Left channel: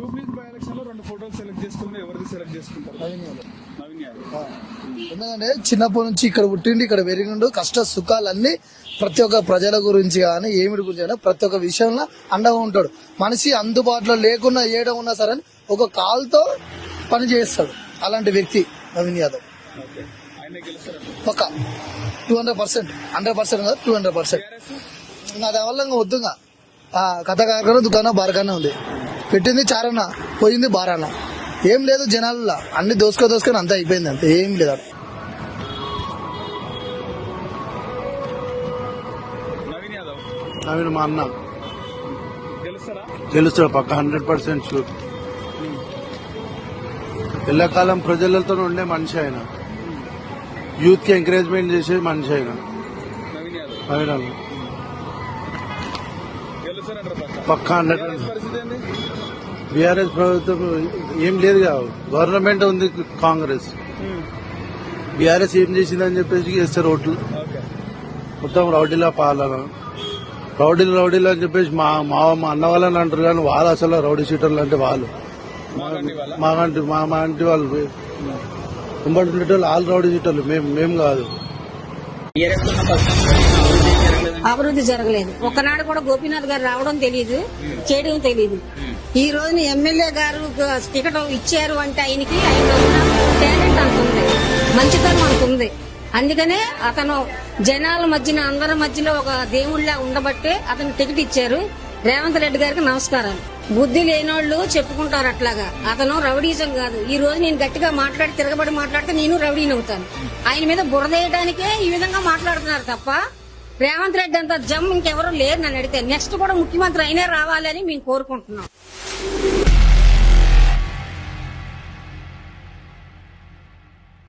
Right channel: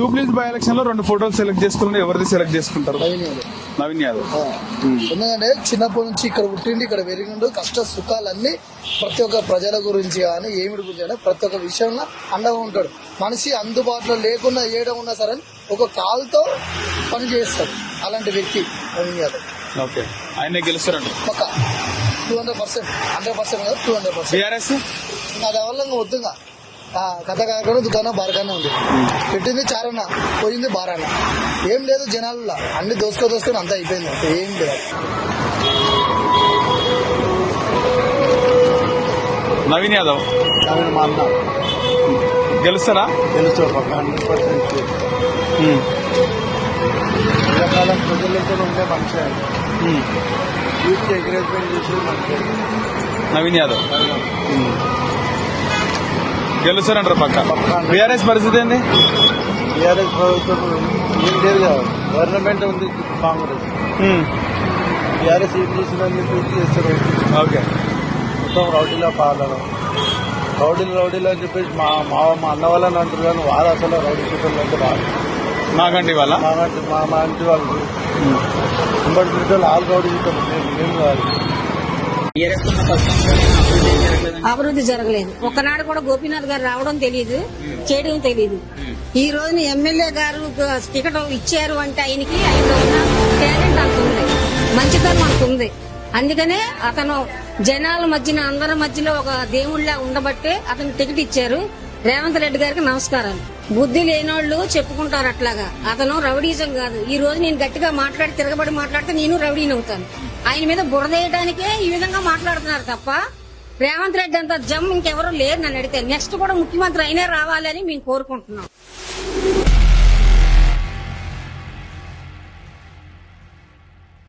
Jubilees by election లో 2 ఫోటోలు select చేసుకున్నారు. ఎవరిది సెలెక్ట్ చేసుకుంటారు? నవీన్ యాదవ్. ఎందుకంటే చిన్నప్పటి నుంచి ఇక్కడ పుట్టిండి, ఇక్కడ పెరిగిండు, కష్ట సుఖాలన్నీ ప్రతి ఒక్క ప్రజల గురించి కానీ ఏమిటి గురించి కానీ ప్రతి ఒక్క విషయంలో అండగా ఉంటాడు. మనిషి అందుబాటులో లేకుండా ఏడం ఉన్నా సరే ఒక కాల్తో పని చేస్తాడు. అలాంటి వ్యక్తి నవీన్ యాదవ్. ఓకే, ఆయన గెలుస్తారండి ఒక 200%, 100% కాదు 200%. దానివల్ల వద్దుగా కథ కాకుండా దుకాణం బారగానే ఉంది. పెట్టింది చారన్న, పోయింది బారాన. ఏం లేదు జనాలలో, అన్ని దోసుకొని అంతా అయిపోయింది. అంటే ఏం లేదు. నవీన్ యాదవ్ మా అన్న గెలుస్తారా? గెలుస్తాడు పక్క 100%. కాలం ప్రజలతో ఉండే మనిషి ఆయన. యూత్ కి ఎంకరేజ్మెంట్ చేసే మనిషి ఆయన నవీన్ యాదవ్. గెలుస్తారంటారు పక్క. బీఆర్ఎస్ పరిస్థితి ఏంది? బీఆర్ఎస్ ప్రభుత్వం ఏం లేదు కదా, గవర్నమెంట్ ఉంది కాంగ్రెస్. బీఆర్ఎస్ ఏం చేసిందని చెప్పేసి చేస్తారు ఓటు. ఓకే, మొత్తం రౌడీల పాలన, రౌడీలు అని చెప్పేసి మా అన్న వాళ్ళని అంటారు కానీ వాళ్ళు అసలు రౌడీ షీటర్లు అయితే వాళ్ళు మాకంటి వాళ్ళ మా ఇంటి వాళ్ళు ఆల్ రౌడీ షీటర్లు మేము కాదు. అభివృద్ధి జరగలేదు. ఒక్కనాడు కూడా గోపీనాథ్ గారు రావడం తెలియదు, చేయడం తెలియదు. ఈ రోజున ఎమ్మెల్యే గారు టికెట్ ఇచ్చారు అంటే ఆయనలో ఉన్న టాలెంట్ అంత ఉంది, మంచితనం అంత ఉంది. అందుకనే అతను జనాల మధ్యన అందరి మధ్యలో ఒక దేవుళ్లా ఉండబట్టే అతను టికెట్ ఇచ్చారు. రేవంత్ రెడ్డి గారికి నమస్కారాలు. బుద్ధి లేనోళ్లు చెప్పుకుంటారు అట్లాగా. అతను రౌడీజం కాదు. ఈ రోజు నేను గట్టిగా తిరగబడి మాట్లాడితే నేను రౌడీని అవుతాను. ఆయన మీద బురదేయడానికే ఈ విధంగా మాట్లాడుతున్నారు తప్ప రేవంత్ రెడ్డి అంత జమ్ ఇంకెవరూ లేరు నన్ను అడిగితే. నెక్స్ట్ కూడా ముఖ్యమంత్రి అయినా రావాలని మేము కోరుకుంటున్నాం.